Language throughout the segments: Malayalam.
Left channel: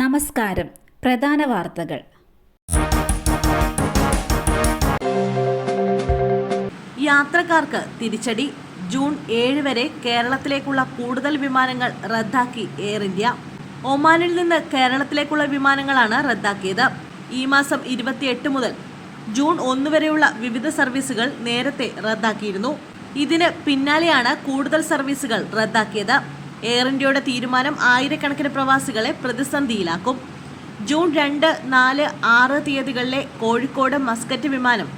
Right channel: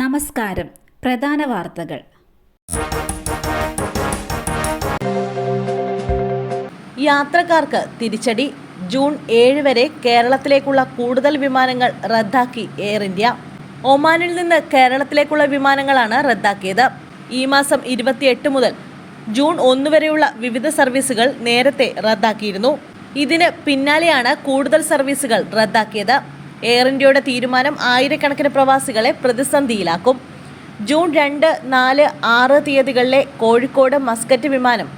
നമസ്കാരം. പ്രധാന വാർത്തകൾ. യാത്രക്കാർക്ക് തിരിച്ചടി. ജൂൺ 7 വരെ കേരളത്തിലേക്കുള്ള കൂടുതൽ വിമാനങ്ങൾ റദ്ദാക്കി എയർ ഇന്ത്യ. ഒമാനിൽ നിന്ന് കേരളത്തിലേക്കുള്ള വിമാനങ്ങളാണ് റദ്ദാക്കിയത്. ഈ മാസം 28 മുതൽ ജൂൺ 1 വരെയുള്ള വിവിധ സർവീസുകൾ നേരത്തെ റദ്ദാക്കിയിരുന്നു. ഇതിന് പിന്നാലെയാണ് കൂടുതൽ സർവീസുകൾ റദ്ദാക്കിയത്. എയർ ഇന്ത്യയുടെ തീരുമാനം ആയിരക്കണക്കിന് പ്രവാസികളെ പ്രതിസന്ധിയിലാക്കും. ജൂൺ 2, 4, 6 തീയതികളിലെ കോഴിക്കോട് മസ്കറ്റ് വിമാനം,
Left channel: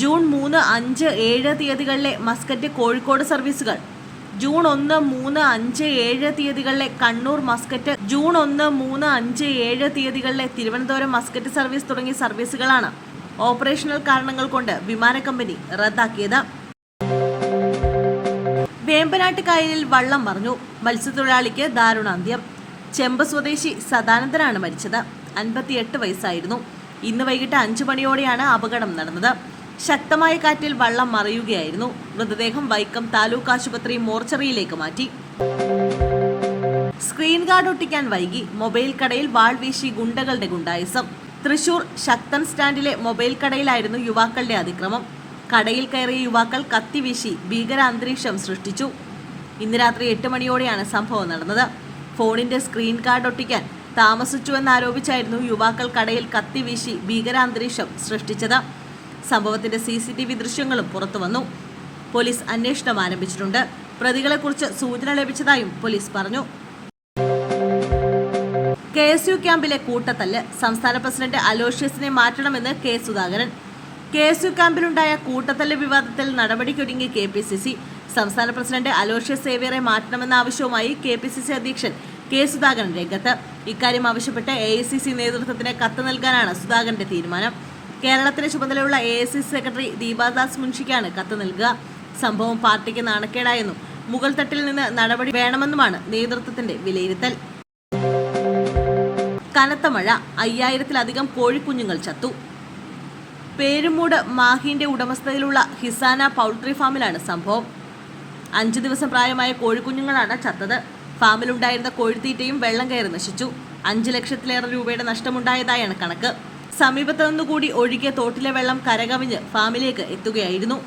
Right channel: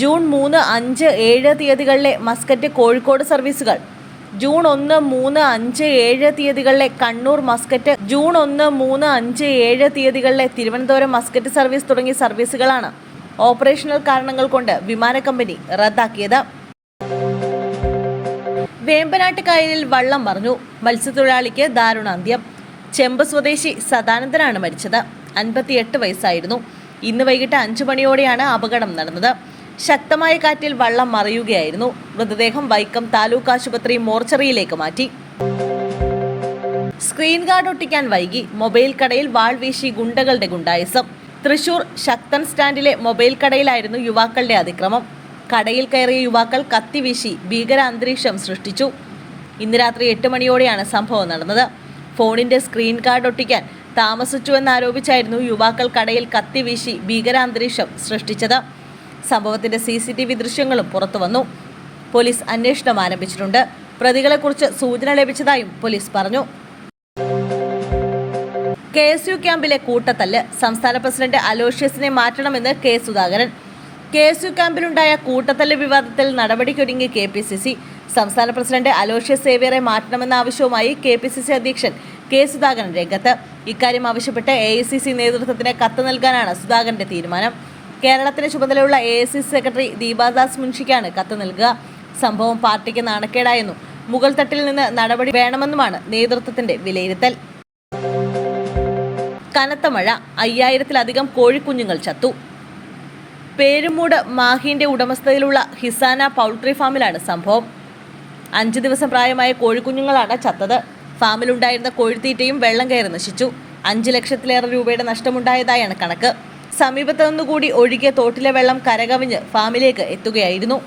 ജൂൺ 3, 5, 7 തീയതികളിലെ മസ്കറ്റ് കോഴിക്കോട് സർവീസുകൾ, ജൂൺ 1, 3, 5, 7 തീയതികളിലെ കണ്ണൂർ മസ്കറ്റ്, ജൂൺ 1, 3, 5, 7 തീയതികളിലെ തിരുവനന്തപുരം മസ്കറ്റ് സർവീസ് തുടങ്ങിയ സർവീസുകളാണ് ഓപ്പറേഷണൽ കാരണങ്ങൾ കൊണ്ട് വിമാന കമ്പനി റദ്ദാക്കിയത്. വേമ്പനാട്ട് കായലിൽ വള്ളം മറിഞ്ഞു. മത്സ്യത്തൊഴിലാളിക്ക് ദാരുണാന്ത്യം. ചെമ്പ് സ്വദേശി സദാനന്ദനാണ് മരിച്ചത്. 58 വയസ്സായിരുന്നു. ഇന്ന് വൈകിട്ട് 5 മണിയോടെയാണ് അപകടം നടന്നത്. ശക്തമായ കാറ്റിൽ വള്ളം മറിയുകയായിരുന്നു. മൃതദേഹം വൈക്കം താലൂക്ക് ആശുപത്രി മോർച്ചറിയിലേക്ക് മാറ്റി. സ്ക്രീൻ ഗാർഡ് ഒട്ടിക്കാൻ വൈകി. മൊബൈൽ കടയിൽ വാൾ വീശി ഗുണ്ടകളുടെ ഗുണ്ടായിസം. തൃശൂർ ശക്തൻ സ്റ്റാൻഡിലെ മൊബൈൽ കടയിലായിരുന്നു യുവാക്കളുടെ അതിക്രമം. കടയിൽ കയറിയ യുവാക്കൾ കത്തിവീശി ഭീകര അന്തരീക്ഷം സൃഷ്ടിച്ചു. ഇന്ന് രാത്രി 8 മണിയോടെയാണ് സംഭവം നടന്നത്. ഫോണിന്റെ സ്ക്രീൻ ഗാർഡ് ഒട്ടിക്കാൻ താമസിച്ചുവെന്നാരോപിച്ചായിരുന്നു യുവാക്കൾ കടയിൽ കത്തിവീശി ഭീകര അന്തരീക്ഷം സൃഷ്ടിച്ചത്. സംഭവത്തിന്റെ CCTV ദൃശ്യങ്ങളും പുറത്തുവന്നു. പോലീസ് അന്വേഷണം ആരംഭിച്ചിട്ടുണ്ട്. പ്രതികളെക്കുറിച്ച് സൂചന ലഭിച്ചതായും പോലീസ് പറഞ്ഞു. KSU ക്യാമ്പിലെ കൂട്ടത്തല്ല്. സംസ്ഥാന പ്രസിഡന്റ് അലോഷ്യസിനെ മാറ്റണമെന്ന് കെ സുധാകരൻ. KSU ക്യാമ്പിലുണ്ടായ കൂട്ടത്തല്ല് വിവാദത്തിൽ നടപടിക്കൊരുങ്ങി KPCC. സംസ്ഥാന പ്രസിഡന്റ് അലോഷ്യസ് സേവ്യറെ മാറ്റണമെന്ന ആവശ്യവുമായി KPCC അധ്യക്ഷൻ കെ സുധാകരൻ രംഗത്ത്. ഇക്കാര്യം ആവശ്യപ്പെട്ട് AICC നേതൃത്വത്തിന് കത്ത് നൽകാനാണ് സുധാകരന്റെ തീരുമാനം. കേരളത്തിന് ചുമതലയുള്ള AICC സെക്രട്ടറി ദീപാദാസ് മുൻഷിക്കാണ് കത്ത് നൽകുക. സംഭവം പാർട്ടിക്ക് നാണക്കേടായെന്നും മുകൾ തട്ടിൽ നിന്ന് നടപടി വേണമെന്നുമാണ് നേതൃത്വത്തിന്റെ വിലയിരുത്തൽ. കനത്ത മഴ. 5000-ലധികം കോഴിക്കുഞ്ഞുങ്ങൾ ചത്തു. പേരുമൂട് മാഹിന്റെ ഉടമസ്ഥതയിലുള്ള ഹിസാന പൗൾട്രി ഫാമിലാണ് സംഭവം. 5 ദിവസം പ്രായമായ കോഴിക്കുഞ്ഞുങ്ങളാണ് ചത്തത്. ഫാമിലുണ്ടായിരുന്ന കോഴിത്തീറ്റയും വെള്ളം കയറി നശിച്ചു. 5 ലക്ഷത്തിലേറെ രൂപയുടെ നഷ്ടമുണ്ടായതായാണ് കണക്ക്. സമീപത്തു നിന്നുകൂടി ഒഴുകിയ തോട്ടിലെ വെള്ളം കരകവിഞ്ഞ് ഫാമിലേക്ക് എത്തുകയായിരുന്നു.